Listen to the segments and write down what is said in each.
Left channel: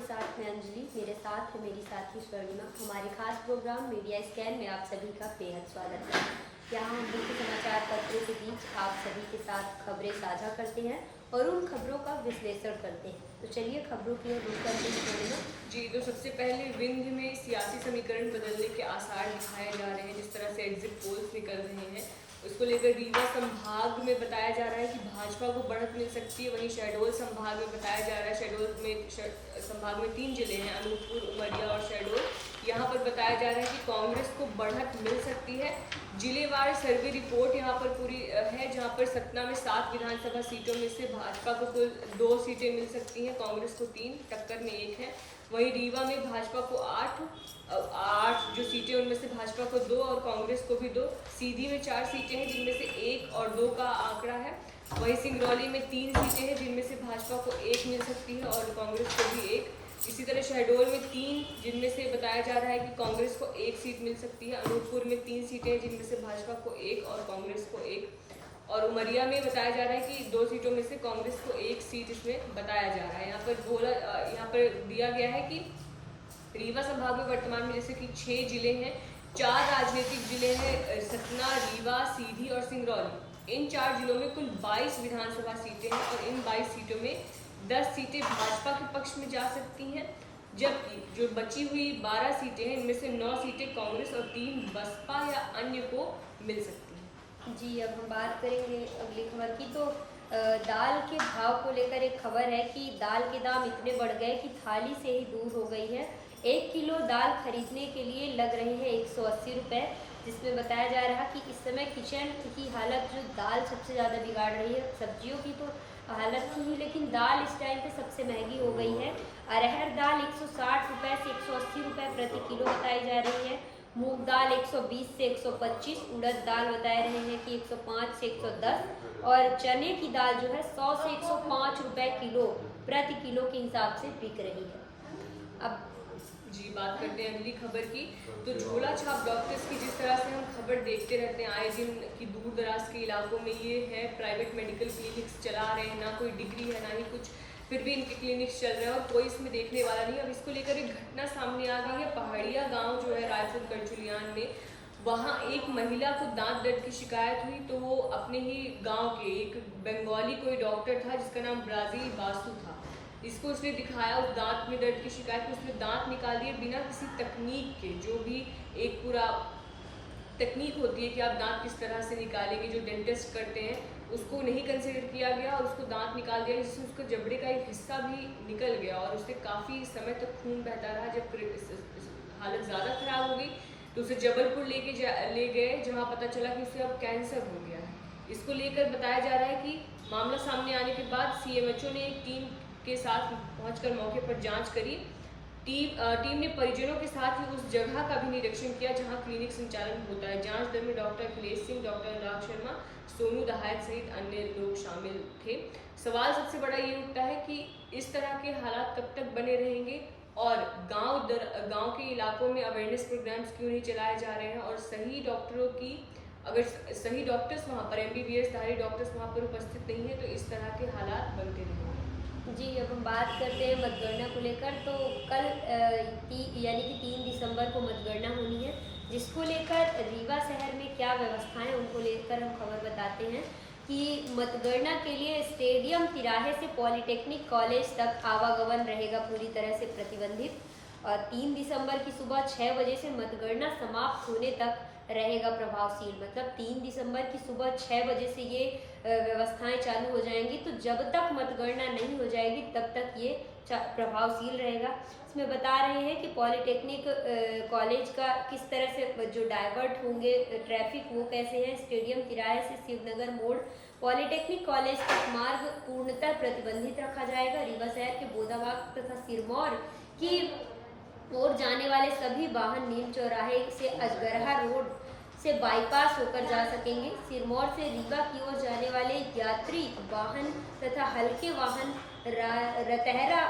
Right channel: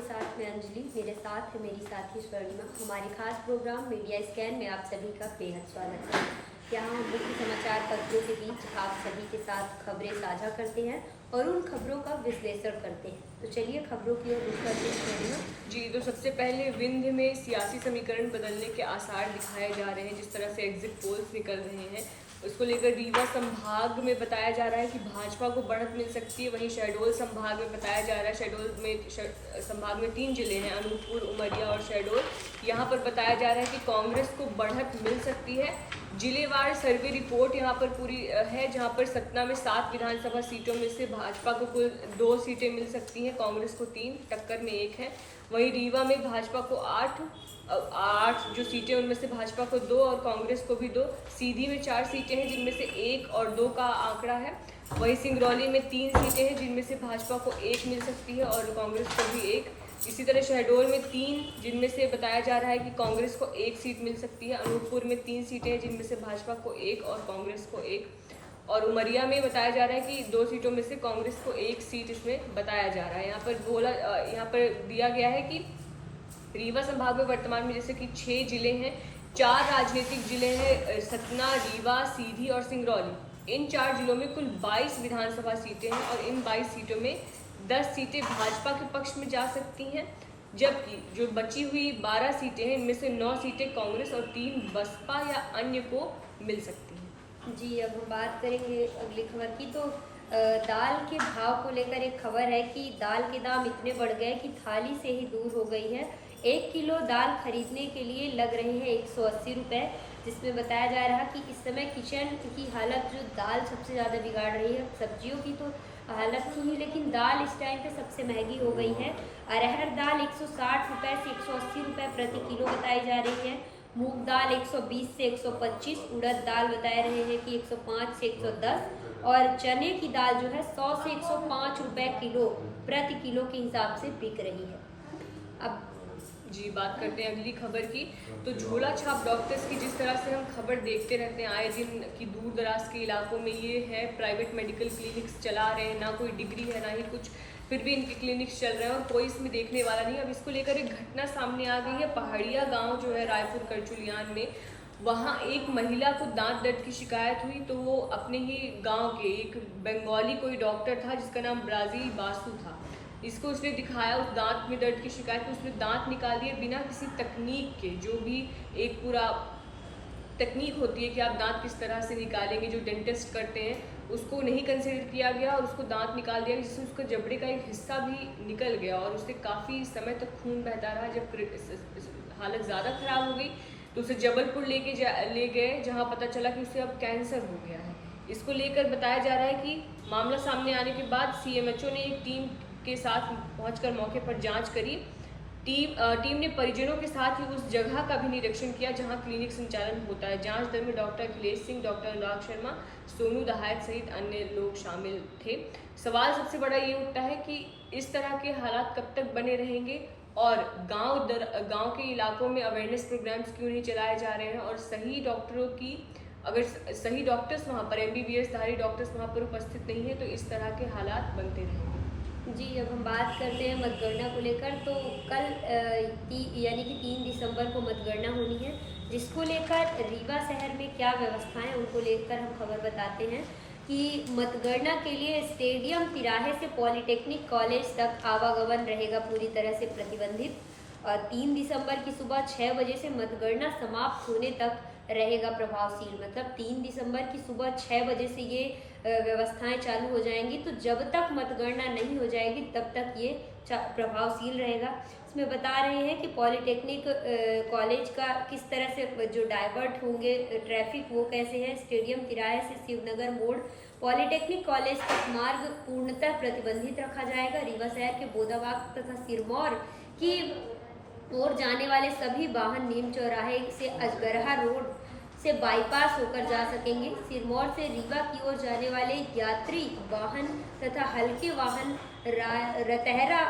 आपके साथ मैं अंजलि, मेरे साथ है मेरी साथी स्वर्णिमा। हमारे खास प्रोग्राम मीडिया स्कैन में आप सभी का बेहद स्वागत है। यहाँ हम मुख्य समाचार पत्रों के बीच आप सभी के साथ खबरें साझा करते हैं और उन खबरों का विश्लेषण करते हैं। तो चलिए खबरों की ओर रुख करते हैं स्वर्णिमा। जी, तो सबसे पहले विंध्य में सियासी समीकरण बदलने के आसार दिखाए जा रहे हैं। जिस तरह से एग्जिट पोल्स निकल रहे हैं, उसको लेकर रीवा संभाग में बताया जा रहा है कि भाजपा को बढ़त मिल सकती है। वहीं शहडोल संभाग में बताया जा रहा है, शहडोल में संभाग में 3 जिले हैं, अनूपपुर, उमरिया और शहडोल। यहाँ पर बताया जा रहा है कि कांग्रेस को बढ़त मिल सकती है। जिलेवार सर्वे रिपोर्ट यहाँ पर पूरी है, जहाँ पर सतना में 7 विधानसभा सीटों में से भाजपा को कुल 2 सीटें मिल सकती हैं, कांग्रेस को 3, टक्कर में 1 है। वहीं रीवा में भाजपा को 8 जो सीटें, उनमें से भाजपा को 2 और कांग्रेस को भी 2। सीधी में 4 सीटें हैं, जिनमें से 1 और 2 का आंकड़ा है। वहीं सिंगरौली में 3 सीटें हैं, जिनमें से भाजपा को 1 मिल सकती है और कांग्रेस को भी 1। इसी तरह शहडोल में 3, जिनमें से बताया जा रहा है कि कांग्रेस को 1 सीट मिल सकती है। अनूपपुर में 3 सीटें हैं, जिनमें से भाजपा को 1 और कांग्रेस को 1। और उमरिया में बताया जा रहा है कि 2 सीटों में से कांग्रेस को 1 सीट इसमें बताया जा रहा है। यहाँ पर दिया गया है कि रीवा संभाग में वर्तमान में जैसे कि 6 जिले हैं, 4 राजनीतिक जिले हैं, सतना, रीवा, सीधी और सिंगरौली। इन 4 जिलों में कुल 22 विधानसभा सीटें हैं और इन 22 सीटों में 10 सीटें भाजपा के पक्ष में जा सकती हैं, जबकि जो बची हुई 12 सीटें हैं, इनमें से 9 सीटें कांग्रेस और 3 बसपा या अन्य को मिल सकती हैं। जी, अब हम बात करेंगे अगली खबर की। तो दाल के भाव को लेकर एक खबर है कि दाल के दाम इतने बढ़ गए कि थाली से ही दूर हो गई है। 1 किलो दाल खरीदने के लिए लग रहे हैं 180 रुपये, जिसमें बताया जा रहा है कि इस समय किचन की हालत, जो दाल सबसे ज़्यादा बिगाड़ रही है। सब्जियों की तो हालत थी ही, लेकिन दाल इस टाइम पे सबसे महंगी हो गई है। अरहर दाल 160 रुपये से 180 रुपये प्रति किलो बताई जा रही है। मूंग दाल 120 से 125, उड़द दाल बता रहे हैं कि 105 से 110 और चने की दाल जो है 100 से 105 रुपये किलो प्रति किलो के हिसाब से बिक रही है। अब जी, बात करते हैं अगली खबर की। तो झोला छाप डॉक्टर्स की जिस तरह से हम खबर देखते रहते हैं आए दिन की, दूर दराज के इलाकों में ये है, प्राइवेट मेडिकल क्लिनिक्स चला रहे हैं, ना कोई डिग्री है ना ही कुछ, फिर भी इनके क्लिनिक्स चल रहे हैं और कोई इसमें देखने वाला नहीं। अब इसको लेकर एक घटना सामने आ गई है। पहाड़िया गांव जो है रायपुर करचुलियान में, वहाँ एक महिला को दांत दर्द की शिकायत हुई। तो वो अपने ही गांव के एक बंगाली कोई डॉक्टर था, जिसका नाम ब्राजील बासु था, इसको उसने दिखाया। उस दांत में दर्द की शिकायत में उसने दांत निकाल दिए बिना किसी तकनीक के। जो भी एक पूरा तकनीक होती है कि आप दांत किस तरह से निकालेंगे, जो डेंटिस्ट करते हैं, उसको नहीं कंसिडर किया गया और उसको दांत निकाल दिया, जिससे उसका जबड़े का एक हिस्सा भी निकल गया और उससे काफ़ी समय तक खून बहता रहा। जब हालत ज़्यादा खराब हो गई तो उसे जबलपुर ले गए, जहाँ पता चला कि उसे अब कैंसर हो गया है। इसको लेकर बताया जा रहा है कि मामला सामने आने के बाद CMHO ने एक टीम के साथ पहुंचकर मौके पर जांच करी। टीम ने परिजनों के साथ ही उस जगह का भी निरीक्षण किया जहां क्लिनिक संचालन होता है। जांच दल में डॉक्टर अखिलेश सिंह, डॉक्टर अनुराग शर्मा, सोनू दहायत सहित अन्य लोग शामिल थे। सवाल सबसे बड़ा ये उठता है कि इस तरह के हालात कब तक बने रहेंगे और गांव के इलाकों में अवेयरनेस प्रोग्राम्स क्यों नहीं चलाए जा रहे हैं, और सही डॉक्टरों की, अगर सही डॉक्टर्स वहाँ पर, MBBS धारी डॉक्टर्स वहाँ पर उपस्थित नहीं है, तो इस तरह के हालात बनते रहेंगे। जी, अब हम बात करते हैं मतगणना को लेकर। तो कल यानी कि 3 दिसंबर को मतगणना होनी है, जिसको लेकर रीवा शहर में क्या व्यवस्थाएं, उनको लेकर हम खबर बताते हैं कि मतगणना के लिए स्टेडियम तिराहे से पॉलिटेक्निक कॉलेज तक आवागमन रहेगा पूरी तरह से प्रतिबंधित और 3 दिसंबर की सुबह 6 बजे से मतगणना समाप्त होने तक रहेगा प्रभावशील। मतलब 3 दिसंबर की सुबह 6 बजे से ये व्यवस्थाएं चालू हो जाएंगी। तो जब तक मतगणना नहीं हो जाएगी तब तक ये प्रभावशील रहेगा। इसमें बता रहे हैं कि पॉलिटेक्निक कॉलेज का किस तरह से जो डाइवर्ट होंगे ट्रैफिक, वो कैसे है। स्टेडियम तिराहे से शिवनगर मोड़ पॉलिटेक्निक कॉलेज तक मार्ग पूर्णतः प्रतिबंधित रखा जाएगा। रीवा शहर के बोदाबाग तथा सिरमौर की ओर जाने वाले सभी वाहन नीम चौराहे से अजगरहा रोड से बाईपास होकर जा सकेंगे। सिरमौर से रीवा की ओर जाने वाले यात्री वाहन तथा हल्के वाहन रतहरा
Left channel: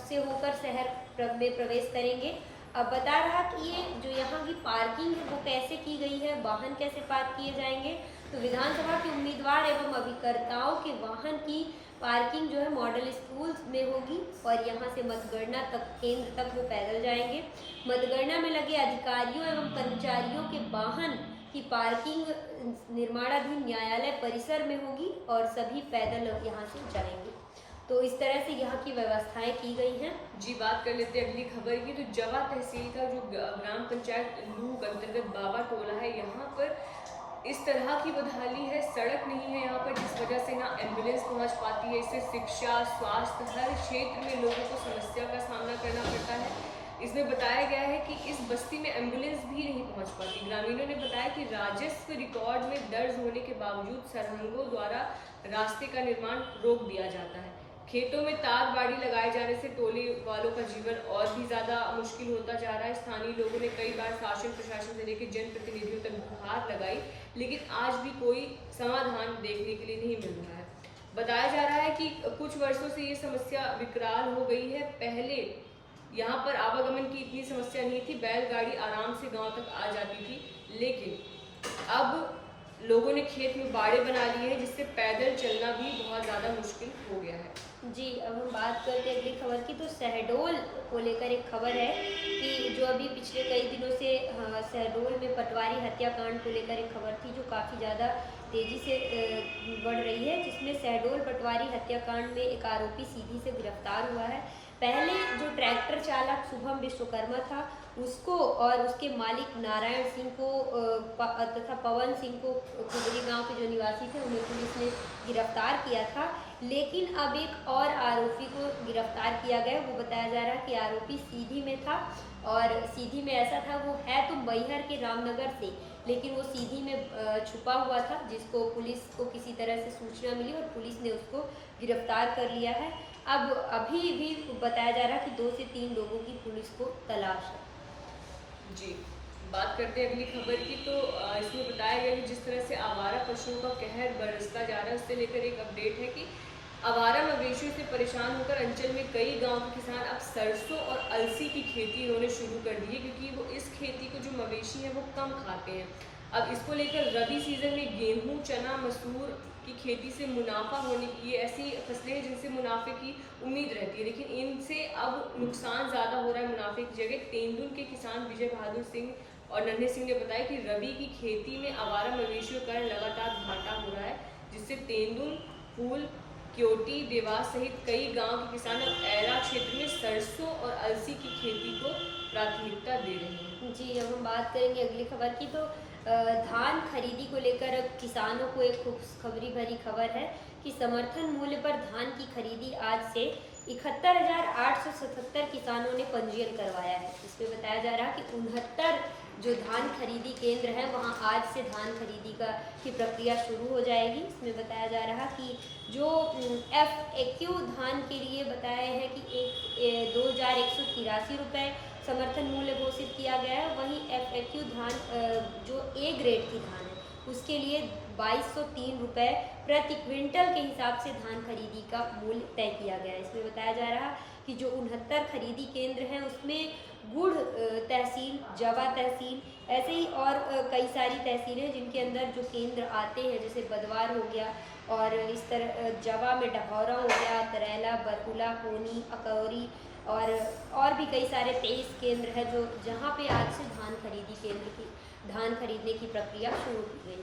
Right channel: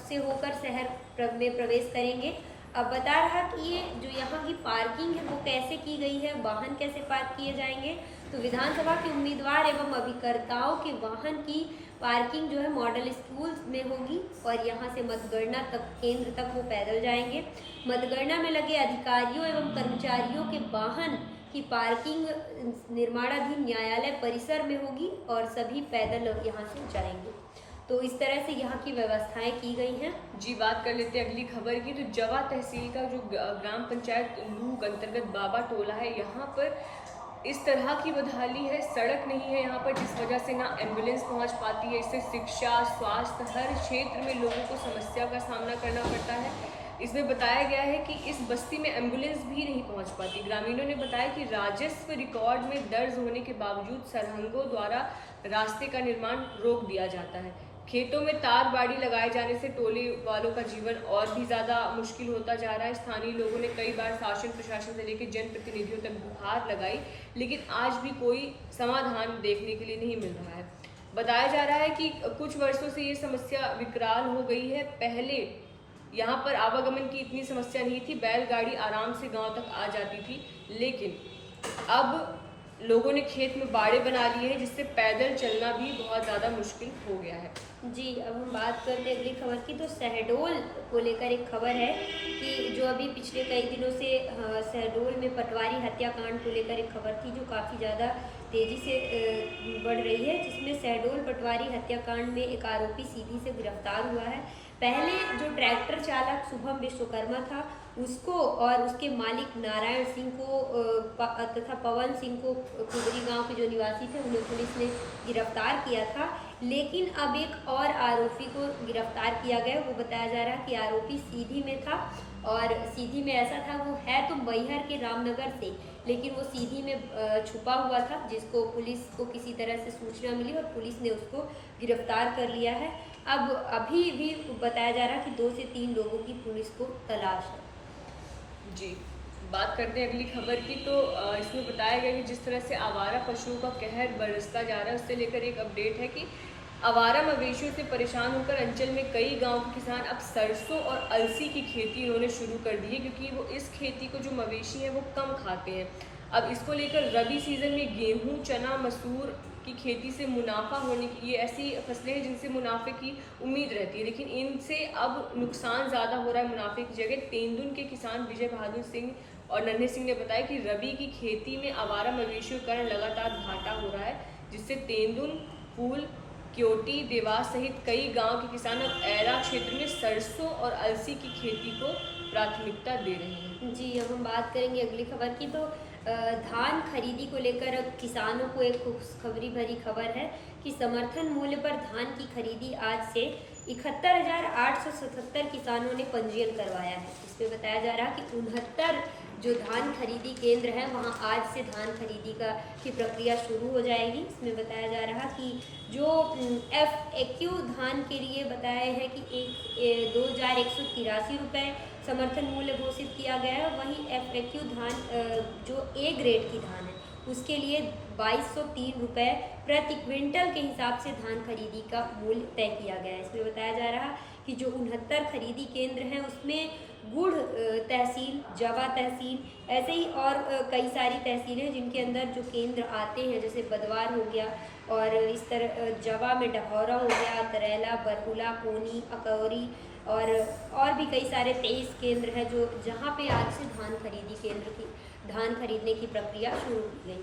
से होकर शहर में प्रवेश करेंगे। अब बता रहा कि ये जो यहाँ की पार्किंग है वो कैसे की गई है, वाहन कैसे पार्क किए जाएंगे। तो विधानसभा के उम्मीदवार एवं अभिकर्ताओं के वाहन की पार्किंग जो है मॉडल स्कूल में होगी और यहाँ से मतगणना तक केंद्र तक वो पैदल जाएंगे। मतगणना में लगे अधिकारियों एवं कर्मचारियों के वाहन की पार्किंग निर्माणाधीन न्यायालय परिसर में होगी और सभी पैदल यहाँ से जाएंगे। तो इस तरह से यहाँ की व्यवस्थाएं की गई हैं। जी, बात कर लेते हैं अगली खबर की। तो जवा तहसील का जो ग्राम पंचायत लूग अंतर्गत बाबा टोला है, यहाँ पर इस तरह की बदहाली है, सड़क नहीं है यहाँ पर, जिस वजह से ना एम्बुलेंस पहुँच पाती है। इससे शिक्षा, स्वास्थ्य, हर क्षेत्र में लोगों को समस्या का सामना करना पड़ता है। इसमें बताया गया है कि इस बस्ती में एम्बुलेंस भी नहीं पहुंच पाती। ग्रामीणों ने बताया कि राजस्व रिकॉर्ड में दर्ज होने के बावजूद सरहंगों द्वारा रास्ते का निर्माण रोक दिया जाता है। खेतों में तार बाड़ी लगाए जाने से टोले वालों का जीवन और भी ज़्यादा मुश्किल होता जा रहा है। स्थानीय लोगों ने कई बार शासन प्रशासन से लेकर जनप्रतिनिधियों तक गुहार लगाई, लेकिन आज भी कोई समाधान देखने के लिए नहीं मिल रहा है। बताया जा रहा है कि कुछ वर्षों से ये समस्या विकराल हो गई है। पहले यहाँ पर आवागमन की इतनी समस्या नहीं थी, बैलगाड़ी आराम से गांव तक आ जाती थी, लेकिन अब लोगों ने खेत में बाड़े बना लिए हैं, जिससे पैदल चलना भी बहुत ज़्यादा मुश्किल हो गया है। जी, अब हम बात करते हैं अगली खबर की। तो शहडोल को लेकर एक खबर है कि जो अभी पिछले कई दिनों से शहडोल में पटवारी हत्याकांड को लेकर एक खबर थी जो काफ़ी ज़्यादा तेज़ी से बढ़ रही है, जिसमें शहडोल पटवारी हत्याकांड में एक आरोपी सीधी से गिरफ्तार हुआ है। पहले जो ट्रैक्टर चालक शुभम विश्वकर्मा था उसको और उसके मालिक नारायण सिंह को तथा पवन सिंह को कुदरी गांव के जो निवासी थे उन्हें पुलिस ने गिरफ्तार किया था, लेकिन अब एक और आरोपी को गिरफ्तार किया गया। वो बताया जा रहा है कि आरोपी सीधी में था और सीधी में ऐसा था, वो है तो मैहर के रामनगर से, लेकिन वो सीधी में छुपा हुआ था, जिसको पुलिस को किसी तरह से सूचना मिली और पुलिस ने उसको गिरफ्तार कर लिया है। अब अभी भी बताया जा रहा है कि 2 से 3 लोगों की पुलिस को तलाश है। जी, बात करते हैं अगली खबर की। तो इसमें बताया गया कि जिस तरह से आवारा पशुओं का कहर बरसता जा रहा है, उससे लेकर एक अपडेट है कि आवारा मवेशियों से परेशान होकर अंचल में कई गांव के किसान अब सरसों और अलसी की खेती इन्होंने शुरू कर दी है, क्योंकि वो इस खेती को जो मवेशी हैं वो कम खाते हैं। अब इसको लेकर रबी सीजन में गेहूं, चना, मसूर की खेती से मुनाफा होने की, ये ऐसी फसलें हैं जिनसे मुनाफे की उम्मीद रहती है, लेकिन इनसे अब नुकसान ज़्यादा हो रहा है मुनाफे की जगह। तेंदुन के किसान विजय बहादुर सिंह और नन्हे सिंह ने बताया कि रबी की खेती में आवारा मवेशियों के कारण लगातार घाटा हो रहा है, जिससे तेंदुन, फूल, क्योटी, देवास सहित कई गांव के किसान अब ऐरा क्षेत्र में सरसों और अलसी की खेती को प्राथमिकता दे रहे हैं। जी, अब हम बात करेंगे अगली खबर की। तो धान खरीदी को लेकर अब किसानों को एक खुशखबरी भरी खबर है कि समर्थन मूल्य पर धान की खरीदी आज से 71,877 किसानों ने पंजीयन करवाया है। इसमें बताया जा रहा है कि 69 जो धान खरीदी केंद्र हैं वहां आज से धान खरीदी की प्रक्रिया शुरू हो जाएगी। इसमें बताया जा रहा कि जो FAQ धान के लिए बताया है कि 2,183 रुपये समर्थन मूल्य घोषित किया गया है। वहीं FAQ धान जो A ग्रेड की धान है उसके लिए 2,203 रुपये प्रति क्विंटल के हिसाब से धान खरीदी का मूल्य तय किया गया है। इसमें बताया जा रहा कि जो 69 खरीदी केंद्र हैं उसमें गुड़ तहसील, जवा तहसील, ऐसे ही और कई सारी तहसीलें जिनके अंदर जो केंद्र आते हैं, जैसे बदवार हो गया और इस तरह जवा में डभौरा हो गया, तरेला, बरहुला, कोनी, अकौरी और भी कई सारे 23 केंद्र हैं जो जहाँ पे आज से धान खरीदने की प्रक्रिया शुरू की गई।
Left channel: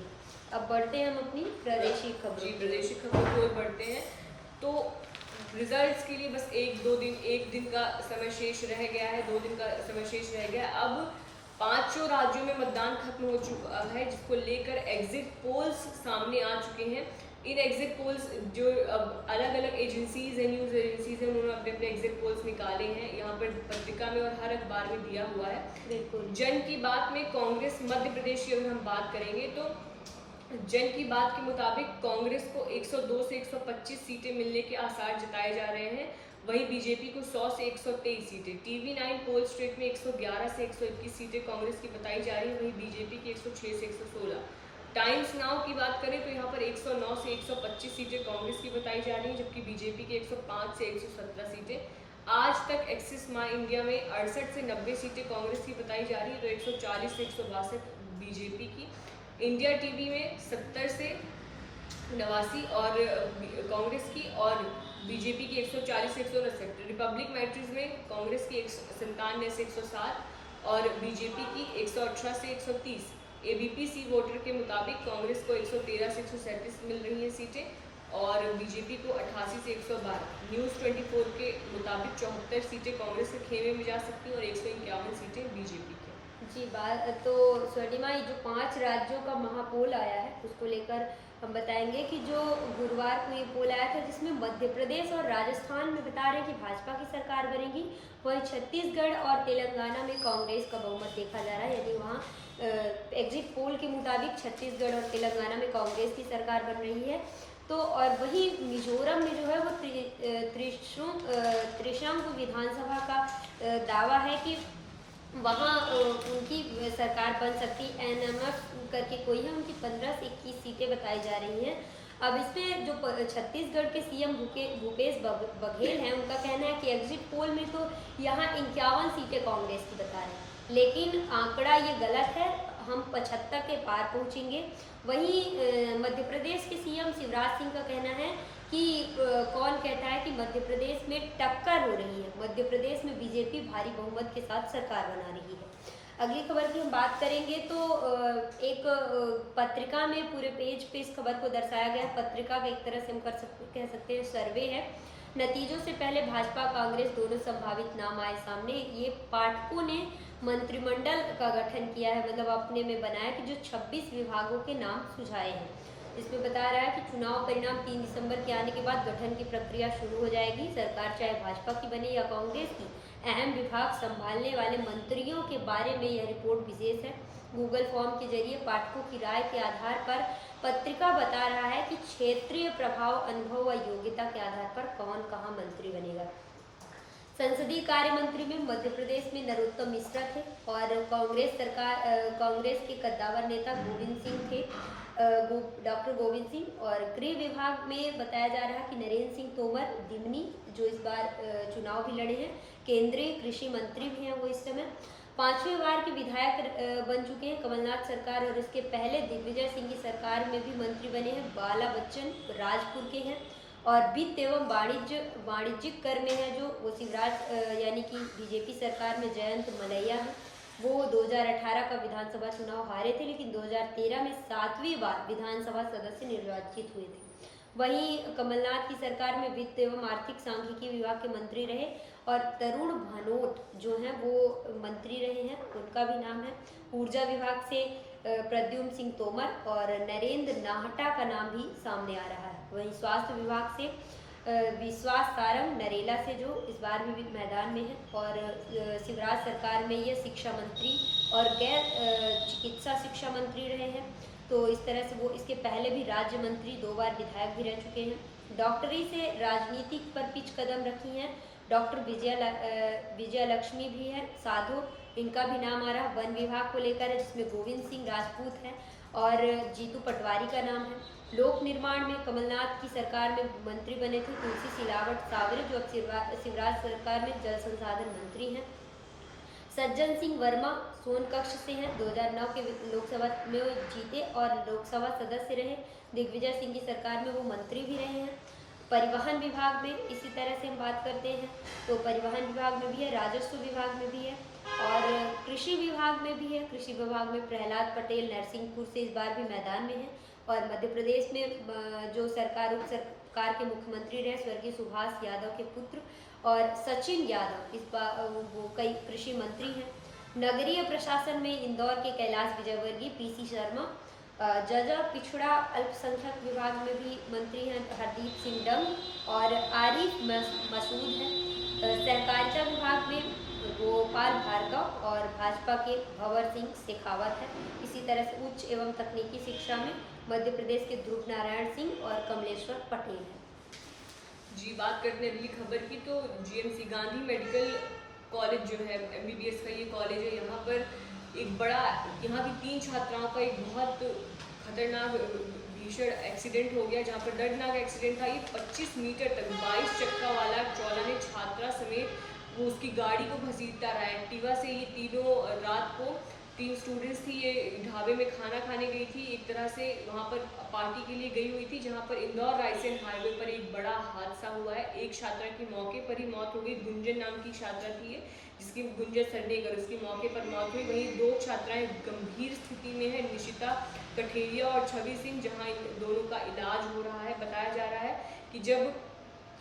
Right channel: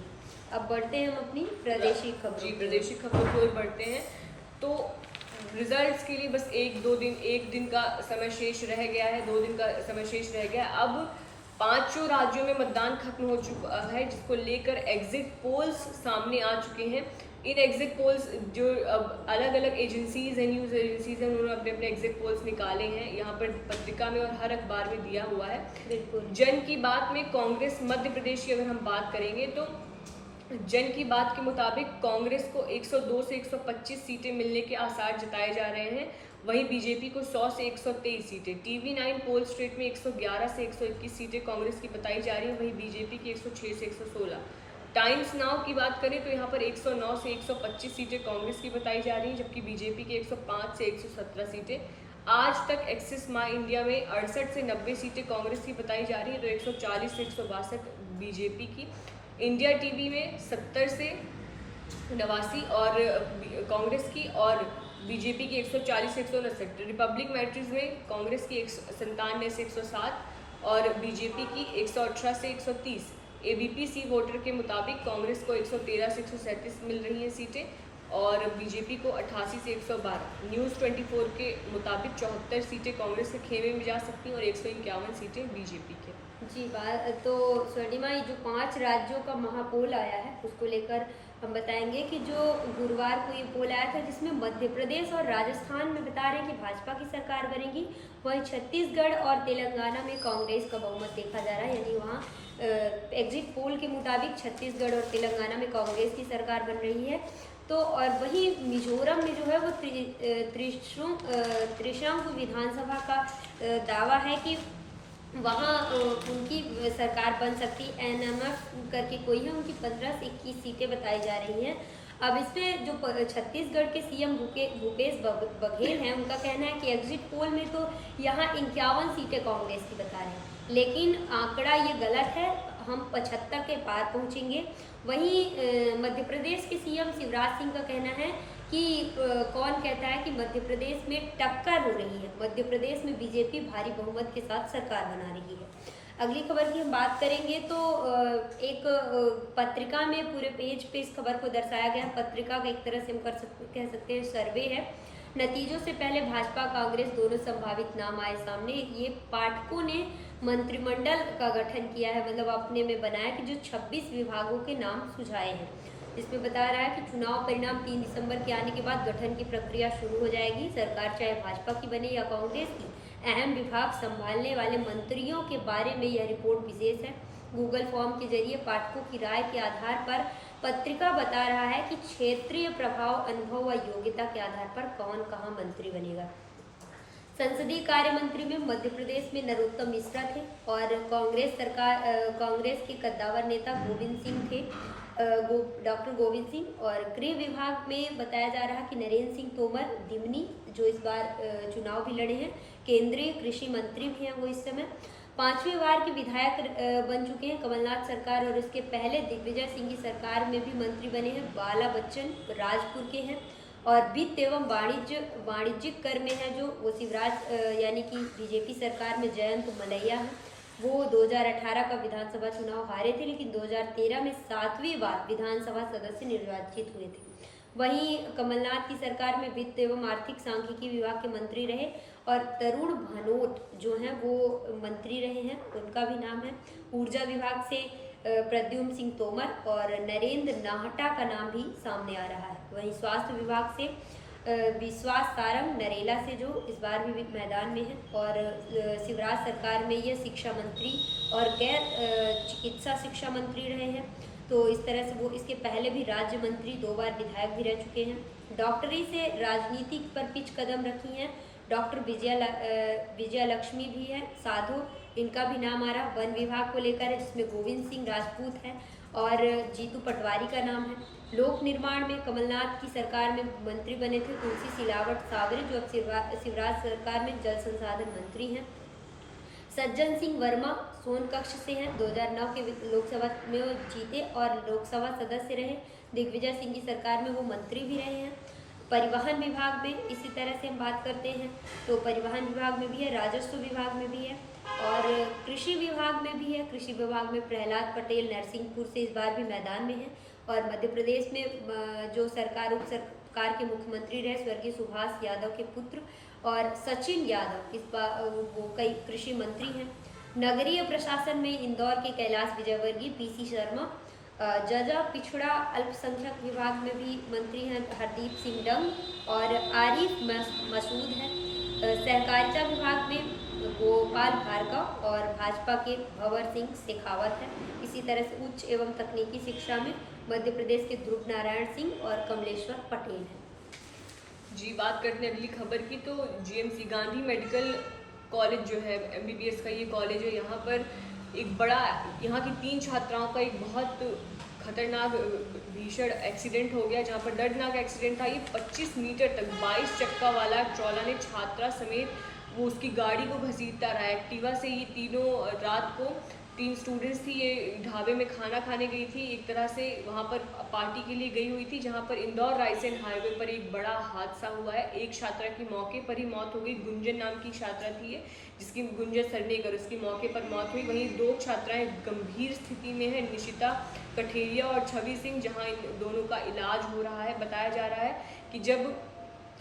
अब बढ़ते हैं हम अपनी प्रादेशिक खबरों। जी, प्रादेशिक खबरों की ओर बढ़ते हैं। तो रिजल्ट्स के लिए बस एक दिन का समय शेष रह गया है, 2 दिन का समय शेष रह गया है। अब 5 राज्यों में मतदान खत्म हो चुका है, जिसको लेकर एग्जिट पोल्स सामने आ चुके हैं। इन एग्जिट पोल्स जो अब अलग अलग एजेंसीज हैं, न्यूज़ एजेंसीज हैं, उन्होंने अपने अपने एग्जिट पोल्स निकाले हैं, यहाँ पर पत्रिका में और हर अखबार में दिया हुआ है। बिल्कुल। जन की बात में कांग्रेस मध्य प्रदेश की अगर हम बात करेंगे तो जन की बात के मुताबिक कांग्रेस को 102 से 125 सीटें मिलने के आसार जताए जा रहे हैं, वहीं बीजेपी को 100 से 123 सीटें। TV9 पोल स्ट्रीट में 111 से 121 सीटें कांग्रेस की बताई जा रही है, वहीं बीजेपी की 106 से 116। टाइम्स नाउ की बात करें तो यहाँ पर 109 से 125 सीटें कांग्रेस की बताई जा रही हैं, जबकि बीजेपी की 105 से 117 सीटें। आज तक एक्सिस माई इंडिया में 68 से 90 सीटें कांग्रेस की बताई जा रही है, तो 140 से 162 बीजेपी की। इंडिया टीवी में 70 से 89 और कांग्रेस की, और बीजेपी की 140 से 159। रिपब्लिक मैट्रीज में कांग्रेस की 97 से 107 और बीजेपी की 118 से 130। एबीपी सी वोटर के मुताबिक कांग्रेस को 113 से 137 मिल रही हैं सीटें और बीजेपी को 88 से 112। न्यूज़ 24 के मुताबिक 74 सीटें कांग्रेस के खेमे में जा सकती हैं और 151 सीटें बीजेपी के। जी बात तो स्वर्णिमा, ये जो 5 राज्यों का महापोल आया है उसको लेकर हम बताएंगे कि जो गुरुवार को ये पोल आया था जिसमें मध्य प्रदेश और राजस्थान में बता रहे हैं कि भाजपा की सरकार बनेगी, वहीं छत्तीसगढ़ और तेलंगाना में कांग्रेस का बहुमत देखा जा रहा है। यानी वहाँ एग्जिट पोल के मुताबिक छत्तीसगढ़ और तेलंगाना में कांग्रेस की सरकार बन रही है। तो और वहीं मिजोरम में जो है वो त्रिशंकु विधानसभा का दावा है कि वहाँ उनकी सरकार बन सकती। एनएमएफ करके कोई है, उनकी 15 से 21 सीटें बताई जा रही हैं। अब इसमें जो छत्तीसगढ़ के सीएम भूपेश बघेल हैं, उनका कहना है कि एग्जिट पोल में तो यहाँ 51 सीटें कांग्रेस की बता रहे हैं, लेकिन आंकड़ा ये गलत है, हम 75 के पार पहुँचेंगे। वहीं मध्य प्रदेश के सीएम शिवराज सिंह का कहना है कि कौन कहता है कि मध्य प्रदेश में टक्कर हो रही है, मध्य प्रदेश में बीजेपी भारी बहुमत के साथ सरकार बना रही है। अगली खबर की हम बात करेंगे तो एक पत्रिका में पूरे पेज पे इस खबर को दर्शाया गया। पत्रिका का एक तरह से हम कह सकते हैं सर्वे है। नतीजों से पहले भाजपा कांग्रेस दोनों संभावित नाम आए सामने। ये पाठकों ने मंत्रिमंडल का गठन किया है, मतलब अपने में बनाया कि जो 26 विभागों के नाम सुझाए हैं। इसमें बता रहा है कि चुनाव परिणाम 3 दिसंबर के आने के बाद गठन की प्रक्रिया शुरू हो जाएगी। सरकार चाहे भाजपा की बने या कांग्रेस की, अहम विभाग संभालने वाले मंत्रियों के बारे में यह रिपोर्ट विशेष है। गूगल फॉर्म के जरिए पाठकों की राय के आधार पर पत्रिका बता रहा है कि क्षेत्रीय प्रभाव, अनुभव व योग्यता के आधार पर कौन कहाँ मंत्री बनेगा। संसदीय कार्य मंत्री में मध्य प्रदेश में नरोत्तम मिश्रा थे और कांग्रेस के कद्दावर नेता गोविंद सिंह थे, डॉक्टर गोविंद सिंह। और गृह विभाग में बताया जा रहा है कि नरेंद्र सिंह तोमर दिमनी, जो इस बार चुनाव भी लड़े हैं, केंद्रीय कृषि मंत्री भी हैं वो इस समय। 5वीं बार के विधायक बन चुके हैं कमलनाथ सरकार, और इसके पहले दिग्विजय सिंह की सरकार में भी मंत्री बने हैं। बाला बच्चन राजपुर के हैं और वित्त एवं वाणिज्यिक कर में है जो वो शिवराज यानी कि बीजेपी सरकार में जयंत मलैया है। वो 2018 का विधानसभा चुनाव हारे थे, लेकिन 2013 में 7वीं बार विधानसभा सदस्य निर्वाचित हुए थे। वहीं कमलनाथ की सरकार में वित्त एवं आर्थिक सांख्यिकी विभाग के मंत्री रहे और तरुण भनोट जो हैं वो मंत्री रहे हैं, उनका भी नाम है। ऊर्जा विभाग से प्रद्युम्न सिंह तोमर और नरेंद्र नाहटा का नाम भी सामने आ रहा है। वहीं स्वास्थ्य विभाग से विश्वास सारंग नरेला से जो इस बार भी मैदान में है, और शिवराज सरकार में ये शिक्षा मंत्री और गैर चिकित्सा शिक्षा मंत्री रहे हैं। तो इस तरह से वो इसके पहले भी राज्य मंत्री, 2 बार विधायक भी रह चुके हैं। डॉक्टरी से राजनीति पर पिच कदम रखी हैं डॉक्टर विजया लक्ष्मी भी है साधु, इनका भी नाम आ रहा। वन विभाग को लेकर है जिसमें गोविंद सिंह राजपूत है और जीतू पटवारी का नाम है। लोक निर्माण में कमलनाथ की सरकार में मंत्री बने थे तुलसी सिलावट सावरे, जो अब शिवराज सरकार में जल संसाधन मंत्री हैं। सज्जन सिंह वर्मा सोनकक्ष से हैं, 2009 के लोकसभा में वो जीते और लोकसभा सदस्य रहे। दिग्विजय सिंह की सरकार में वो मंत्री भी रहे हैं। परिवहन विभाग में इसी तरह से हम बात करते हैं तो परिवहन विभाग में भी है, राजस्व विभाग में भी है और कृषि विभाग में भी है। कृषि विभाग में प्रहलाद पटेल नरसिंहपुर से इस बार भी मैदान में है। और मध्य प्रदेश में जो उप सरकार के मुख्यमंत्री रहे स्वर्गीय सुभाष यादव के पुत्र और सचिन यादव इस बार वो कई कृषि मंत्री हैं। नगरीय प्रशासन में इंदौर के कैलाश विजयवर्गीय, पीसी शर्मा, जजा पिछड़ा अल्पसंख्यक विभाग में भी मंत्री हैं हरदीप सिंह डंग और आरिफ मसूद हैं। सहकारिता विभाग में गोपाल भार्गव और भाजपा के भंवर सिंह शेखावत हैं। इसी तरह से उच्च एवं तकनीकी शिक्षा में मध्य प्रदेश के ध्रुव नारायण सिंह और कमलेश्वर पटेल हैं। जी, बात करते हैं अगली खबर की तो जीएमसी गांधी मेडिकल कॉलेज जो है एमबीबीएस का ये कॉलेज है, यहाँ पर एक बड़ा यहाँ की 3 छात्राओं का एक बहुत खतरनाक भीषण एक्सीडेंट हो गया, जहाँ पर दर्दनाक एक्सीडेंट था। ये 25 मीटर तक 22 चक्का वाला ट्रॉला ने छात्रा समेत वो उसकी गाड़ी को घसीटता रहा। एक्टिवा से ये तीनों रात को 3 स्टूडेंट्स थी, ये ढाबे में खाना खाने गई थी, एक तरह से वहाँ पर पार्टी के लिए गई हुई थी, जहाँ पर इंदौर रायसेन हाईवे पर एक बड़ा हादसा हुआ है। एक छात्रा की मौके पर ही मौत हो गई। गुंजन नाम की छात्रा थी ये, जिसकी गुंजन सरनेगर, उसकी मौके पर मौत हुई। वहीं 2 छात्राएं गंभीर स्थिति में है, निशिता कठेरिया और छवि सिंह, जहाँ इन दोनों का इलाज हो रहा है। बताया जा रहा है कि जब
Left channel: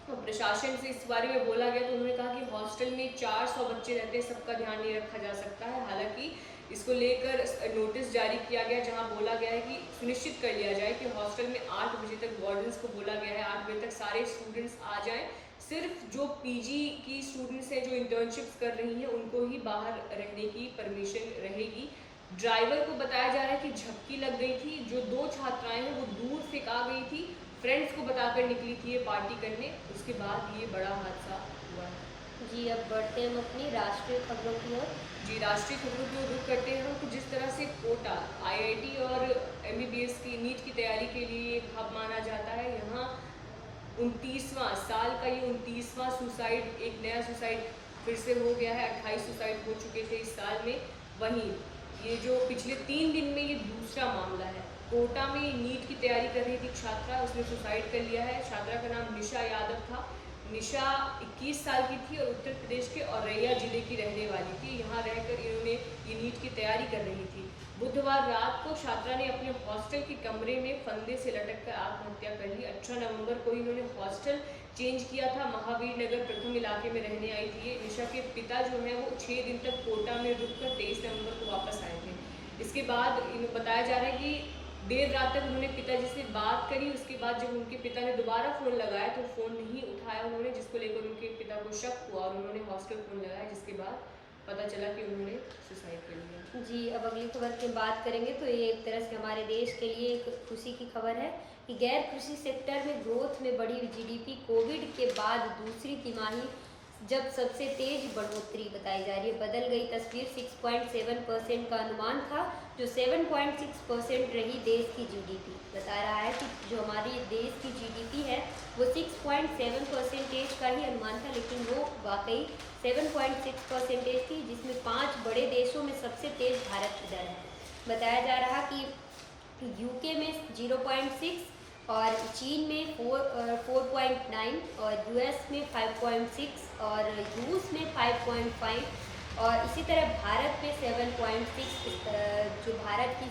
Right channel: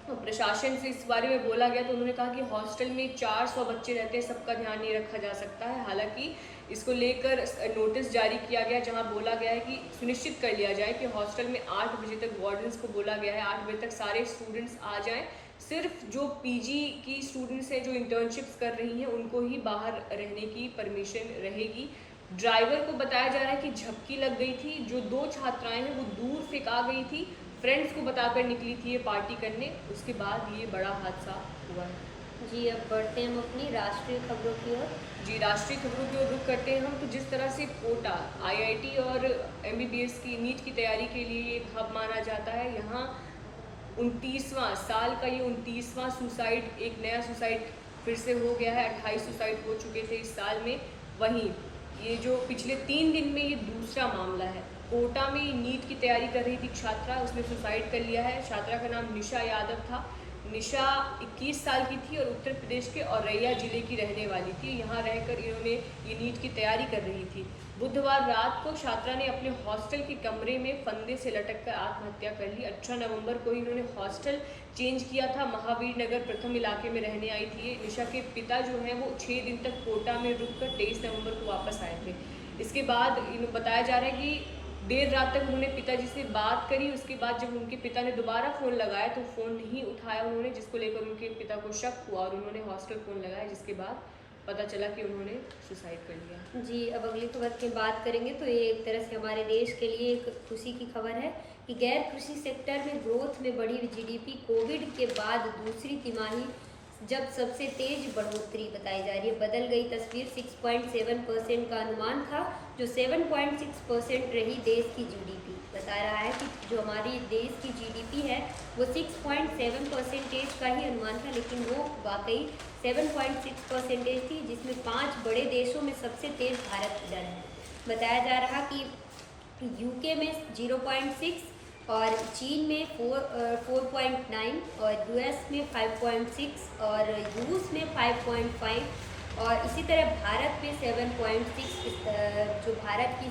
प्रशासन से इस बारे में बोला गया तो उन्होंने कहा कि हॉस्टल में 400 बच्चे रहते हैं, सबका ध्यान नहीं रखा जा सकता है। हालांकि इसको लेकर नोटिस जारी किया गया, जहां बोला गया है कि सुनिश्चित कर लिया जाए कि हॉस्टल में 8 बजे तक, वार्डन्स को बोला गया है 8 बजे तक सारे स्टूडेंट्स आ जाएं। सिर्फ जो पीजी की स्टूडेंट्स हैं जो इंटर्नशिप्स कर रही हैं उनको ही बाहर रहने की परमिशन रहेगी। ड्राइवर को बताया जा रहा है कि झपकी लग गई थी। जो 2 छात्राएं हैं वो दूर फेंका गई थी, फ्रेंड्स को बताकर निकली थी ये पार्टी करने, उसके बाद ये बड़ा हादसा हुआ है। जी, अब बढ़ते हैं हम अपनी राष्ट्रीय खबरों की ओर। जी, राष्ट्रीय खबरों की ओर रुख करते हैं हम। तो जिस तरह से कोटा आईआईटी और एमबीबीएस की नीट की तैयारी के लिए एक हब माना जाता है, यहाँ 29वां साल का ये 29वां सुसाइड, एक नया सुसाइड फिर से हो गया है। 28 सुसाइड हो चुके थे इस साल में। वहीं ये जो पिछले 3 दिन में ये दूसरा मामला है। कोटा में नीट की तैयारी कर रही थी छात्रा, उसने सुसाइड कर लिया है। छात्रा का नाम निशा यादव था। निशा 21 साल की थी और उत्तर प्रदेश के औरैया जिले की रहने वाली थी। यहाँ रहकर इन्होंने ये नीट की तैयारी कर रही थी। बुधवार रात को छात्रा ने अपने हॉस्टल के कमरे में फंदे से लटककर आत्महत्या कर ली। 18 नवंबर को इन्होंने हॉस्टल चेंज किया था। महावीर नगर प्रथम इलाके में रहने आई थी। निशा के पिता जो हैं वो 6 दिन तक कोटा में रुककर 23 नवंबर को वापस आए थे। इसके बाद बताया जा रहा है कि देर रात तक उन्होंने पिताजी से बात करी। उसके बाद जब उनके पिता ने दोबारा फ़ोन लगाया तो फ़ोन नहीं उठाया उन्होंने, जिसको लेकर उनके पिता को शक हुआ और उन्होंने हॉस्टल फ़ोन लगाया, जिसके बाद पता चला कि उन्होंने सुसाइड कर लिया। जी, अब अगली खबर की बात करेंगे तो ये एक तरह से हमारे देश के लिए एक खुशी की खबर है कि गैर कृषि सेक्टर में ग्रोथ में बढ़ी जीडीपी कोविड के बाद दूसरी तिमाही जब सबसे तेज बढ़ोतरी बताई जा रही है। बदल गई तस्वीर। 6.7% का अनुमान था, जो 7.6% रही देश की जीडीपी। बता रहा है कि जो हमारी देश की जीडीपी है वो 6.7% का ही अनुमान था, लेकिन वो वाकई 7.6% थी, जिसमें 5 बड़े देशों में सबसे तेज भारत की दर है। बताया जा रहा कि यूके में 0.6 और चीन में 4.9 और यूएस में 5.6 और रूस में 5.5 और इसी तरह भारत में 7.6। जो भारत की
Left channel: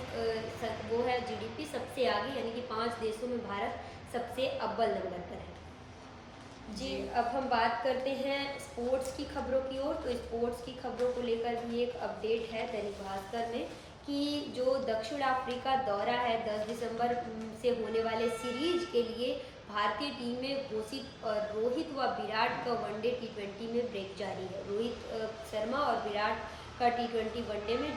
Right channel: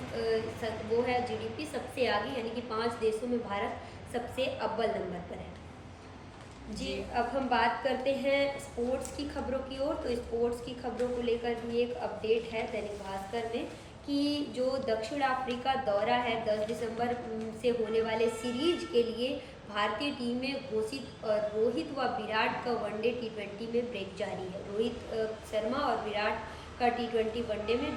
वो है जीडीपी सबसे आगे, यानी कि 5 देशों में भारत सबसे अव्वल नंबर पर है। जी, अब हम बात करते हैं स्पोर्ट्स की खबरों की ओर। तो स्पोर्ट्स की खबरों को लेकर भी एक अपडेट है दैनिक भास्कर में कि जो दक्षिण अफ्रीका दौरा है 10 दिसंबर से होने वाले सीरीज के लिए भारतीय टीम में घोषित रोहित व विराट का वनडे T20 में ब्रेक जारी है। रोहित शर्मा और विराट का T20 वनडे में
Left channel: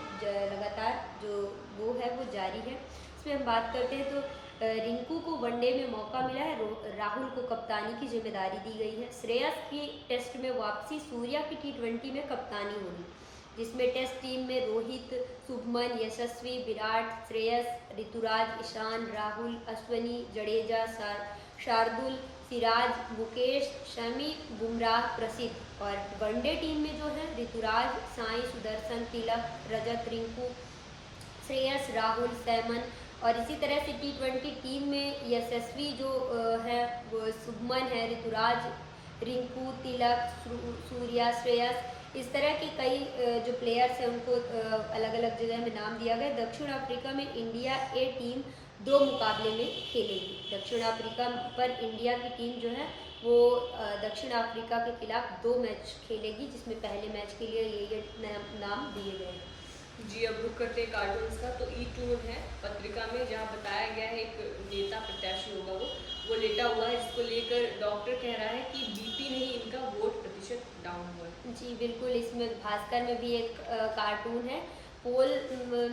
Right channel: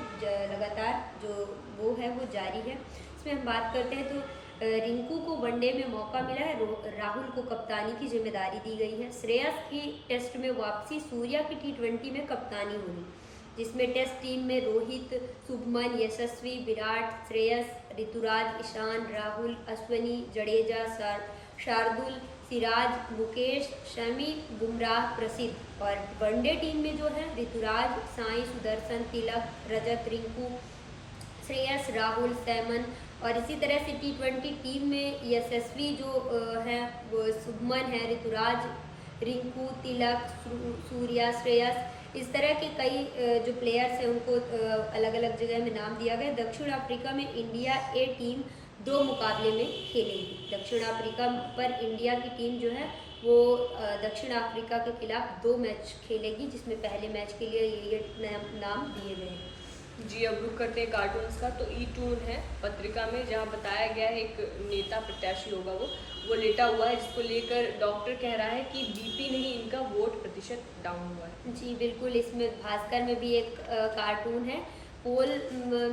लगातार जो वो है वो जारी है। इसमें हम बात करते हैं तो रिंकू को वनडे में मौका मिला है, राहुल को कप्तानी की जिम्मेदारी दी गई है। श्रेयस की टेस्ट में वापसी, सूर्या की T20 में कप्तानी होगी, जिसमें टेस्ट टीम में रोहित, शुभमन, यशस्वी, विराट, श्रेयस, ऋतुराज, ईशान, राहुल, अश्विनी, जडेजा, शार्दुल, सिराज, मुकेश, शमी, बुमराह, प्रसिद्ध। और वनडे टीम में जो है ऋतुराज, साई सुदर्शन, तिलक, रजत, रिंकू, श्रेयस, राहुल, सैमन। और इसी तरह से T20 टीम में यशस्वी जो है वो शुभमन है, ऋतुराज, रिंकू, तिलक, सूर्या, श्रेयस, इस तरह के कई जो प्लेयर्स हैं उनको अलग अलग जगह में नाम दिया गया। दक्षिण अफ्रीका में इंडिया ए टीम 2 मुकाबले में खेलेगी। दक्षिण अफ्रीका पर इंडिया की टीम जो है वो दक्षिण अफ्रीका के खिलाफ 2 मैच खेलेगी, जिसमें पहले मैच के लिए ये नाम दिए गए हैं। जी, अब रुक करते हैं कार्टून्स का। तो ई-टून है पत्रिका में, जहाँ बताया गया है एक नेता प्रत्याशी होगा वो लेटा हुआ है, जिसको लेकर डॉक्टर कह रहा है कि बीपी नहीं, इनका वोट प्रतिशत डाउन हुआ है। जी बिल्कुल, इसमें भास्कर में भी एक कार्टून है, पोल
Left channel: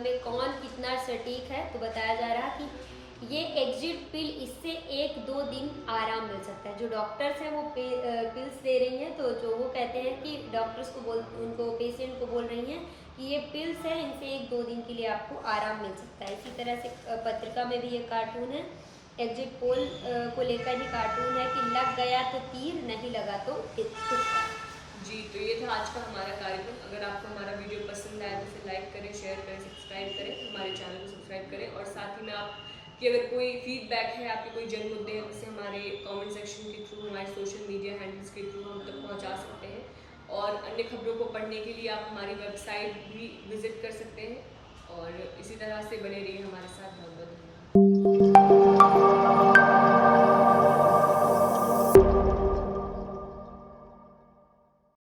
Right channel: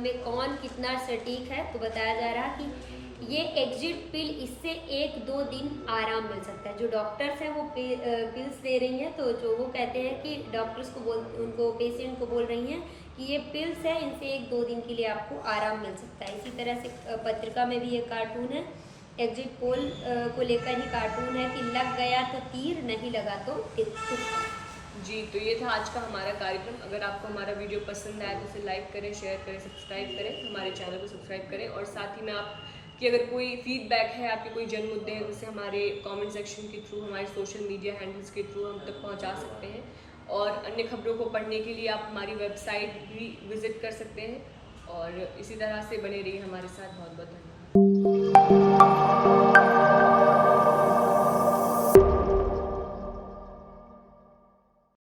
में कौन कितना सटीक है। तो बताया जा रहा कि ये एग्जिट पिल, इससे 1-2 दिन आराम मिल सकता है। जो डॉक्टर्स हैं वो पिल्स दे रही हैं, तो जो वो कहते हैं कि डॉक्टर्स को उनको पेशेंट को बोल रही हैं कि ये पिल्स है, इनसे 1-2 दिन के लिए आपको आराम मिल सकता है। इसी तरह से पत्रिका में भी एक कार्टून है, एग्जिट पोल को लेकर ही कार्टून है कि लग गया तो तीर, नहीं लगा तो तुक्का। जी, तो ये था आज का हमारा कार्यक्रम। अगर आपको हमारा वीडियो पसंद आया तो इसे लाइक करें, शेयर करें, सब्सक्राइब करें, हमारे चैनल को सब्सक्राइब करें। और साथ ही में आपकी अगर कोई फीडबैक है, आपके कोई जन मुद्दे हैं, तो उसे हमारे कमेंट सेक्शन के थ्रू, हमारे सोशल मीडिया हैंडल्स के थ्रू हम तक पहुंचा सकते हैं। और अन्य खबरों को पढ़ने के लिए आप हमारी वेबसाइट भी विजिट कर सकते हैं। और इसी तरह से बने रहिए हमारे साथ। बहुत बहुत धन्यवाद।